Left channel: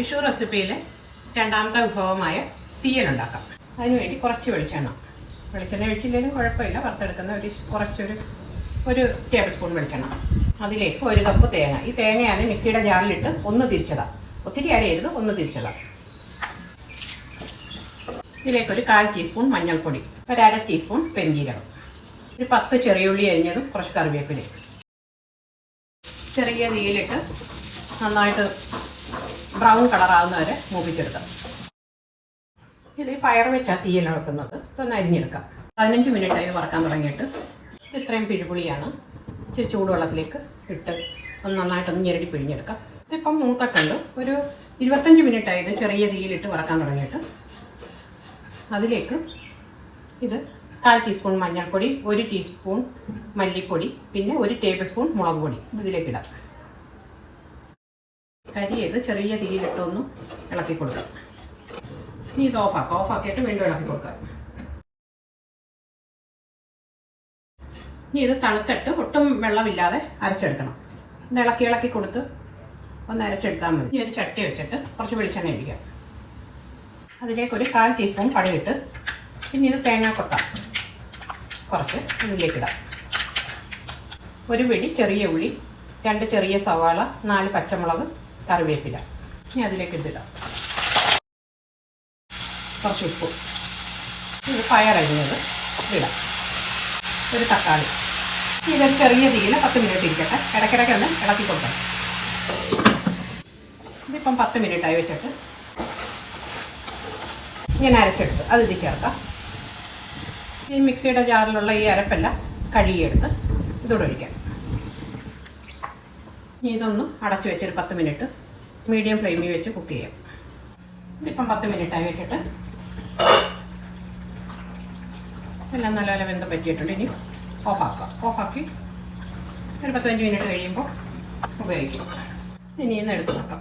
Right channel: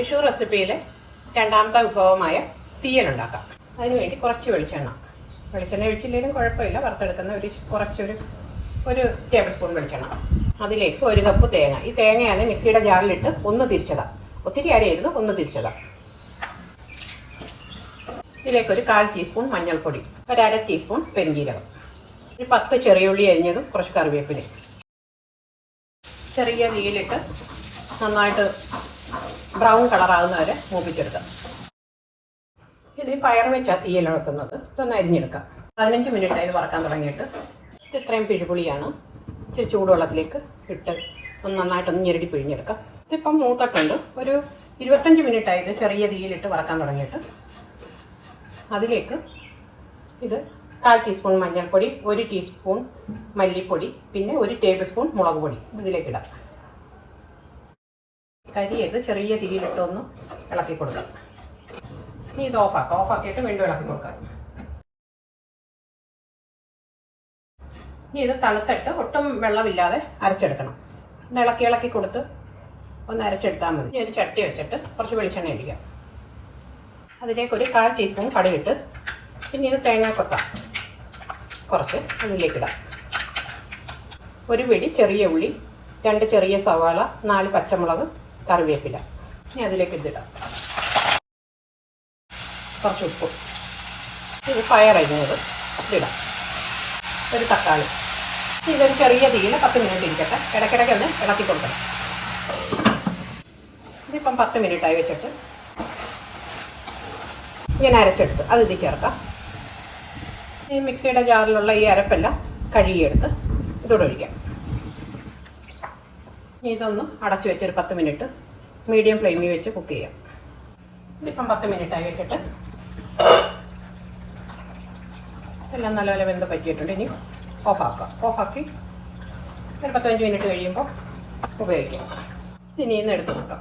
വിഷു റെസിപ്പിയിലെ രണ്ടാമത്തെ വിഭവമായ തീയലുണ്ടാക്കാം. അതിനുവേണ്ടി കുറച്ച് വെളിച്ചെണ്ണ ഒഴിച്ചില്ലെങ്കിലും കുഴപ്പമില്ല. വറുത്തെടുക്കുന്ന ഒരു ടേബിൾ സ്പൂൺ വെളിച്ചെണ്ണ. അതിലേക്ക് 1 കപ്പ് തേങ്ങ. ഈ തേങ്ങയാണ് മിക്സിയുടെ ജാറിലിട്ട് ഒന്ന് തിരിച്ചതാണ്. ഒത്തിരി അരയരുത്, ഒന്ന് തിരിച്ചതാണ്. ഇതിലേക്ക് 1/4 ടീസ്പൂൺ മഞ്ഞൾപ്പൊടി, 1/2 ടീസ്പൂൺ പെരിഞ്ജീരകം, ഒരു 10 ചെറിയ ഉള്ളി അരിഞ്ഞതും, കുറച്ച് കറിവേപ്പില. ചെറിയ തീയിലിട്ട് നന്നായിട്ട് ബ്രൗൺ കളറാകുന്ന വരെ മൂപ്പിച്ചെടുക്കാം. ഇത് പയർ വെച്ചാണ് തീയിൽ വെക്കുന്നത്. ഇതൊന്ന് അരിഞ്ഞെടുക്കാം. 15 മിനിറ്റ് അതിന് വറക്കാൻ തുടങ്ങിയിട്ട്. ഇത്രയും പിഴുപുളിയാണ്. ഇച്ചിരി ചൂടുവെള്ളത്തിലേക്ക് ഇട്ട് ഒന്ന് നന്നായിട്ടൊന്ന് ഞെരടി പിഴിഞ്ഞെടുക്കാം. ഇതിപ്പം മൂത്തിട്ടുണ്ട്. ഒരു 25 മിനിറ്റ് ആയത് ചെറിയ തീയിലിട്ട് വറക്കാൻ തുടങ്ങിയിട്ട്. അതിലേക്ക് ഇത് 1/4 ടീസ്പൂൺ മഞ്ഞൾപ്പൊടി, 1 ടീസ്പൂൺ മല്ലിപ്പൊടി, പിന്നെ 1 ടേബിൾ സ്പൂൺ മുളക് പൊടി ഇതിലേക്ക് ഇടാം. കരിയത് ചെറിയ തീയിലിട്ടൊന്ന് ഇളക്കി കൊടുക്കാം. ഇനി ഇത് ഓഫാക്കിയിട്ട് വീണ്ടും ഇളക്കി കൊടുക്കാം. ഇനി ഇത് തണുത്തിട്ട് ഒട്ടും വെള്ളമില്ലാതെ അരച്ചെടുക്കണം. ഒന്ന് ഇളക്കി കൊടുത്ത് ഒന്ന് അരച്ചെടുത്താൽ മതി. ഇനി ഒരു ചട്ടി വെച്ചിട്ട് കുറച്ച് വെളിച്ചെണ്ണ ഒഴിക്കാം. അതിലേക്ക് 1/4 ടീസ്പൂൺ കടുകിട്ട്, പിന്നെ ഇത് തേങ്ങാക്കൊത്ത കുറച്ച് ഇതിലേക്കിടാം. 1 പിടി ചെറിയ ഉള്ളി, 2 ചെറിയ സവാള, 4 പച്ചമുളക്, കറിവേപ്പില. ഇനി അതിലേക്ക് ഇടാം. കുറച്ച് ഉപ്പ്, ഇത് പയറരിഞ്ഞത് ഇടാം, 1 തക്കാളി. ഇതൊരു ചെറിയ തീയിൽ 10 മിനിറ്റ് ഇരിക്കട്ടെ. ഇടയ്ക്കിടയ്ക്ക് ഒന്ന് ഇളക്കി കൊടുക്കണം. ഇതിപ്പം 10 മിനിറ്റായി വെച്ചിട്ട് ഇങ്ങനെ അരച്ചെടുത്ത് അത് ഇതിൽ ചേർക്കാം. ഈ മിക്സിയുടെ ജാറിലുള്ള ഈ അരപ്പെല്ലാം കഴുകിയെടുത്ത് ഇതോടെ ഒഴിക്കാം. ഇനി ഇതൊന്ന് അടച്ചു വെച്ചൊരു 10 മിനിറ്റ് മീഡിയം ഫ്ലെയിമിൽ വെച്ച് കുക്ക് ചെയ്യാം. ഇതിപ്പം 10 മിനിറ്റായി വെച്ചിട്ട് എല്ലാം നല്ലപോലെ വെന്ത് പറ്റിയിട്ടുണ്ട്. ഇനി ഓഫാക്കി ഒരു 15 മിനിറ്റ് കഴിയുമ്പോൾ ഉപയോഗിക്കാം. ഇനി ഇന്ന് എടുത്ത് നോക്കാം.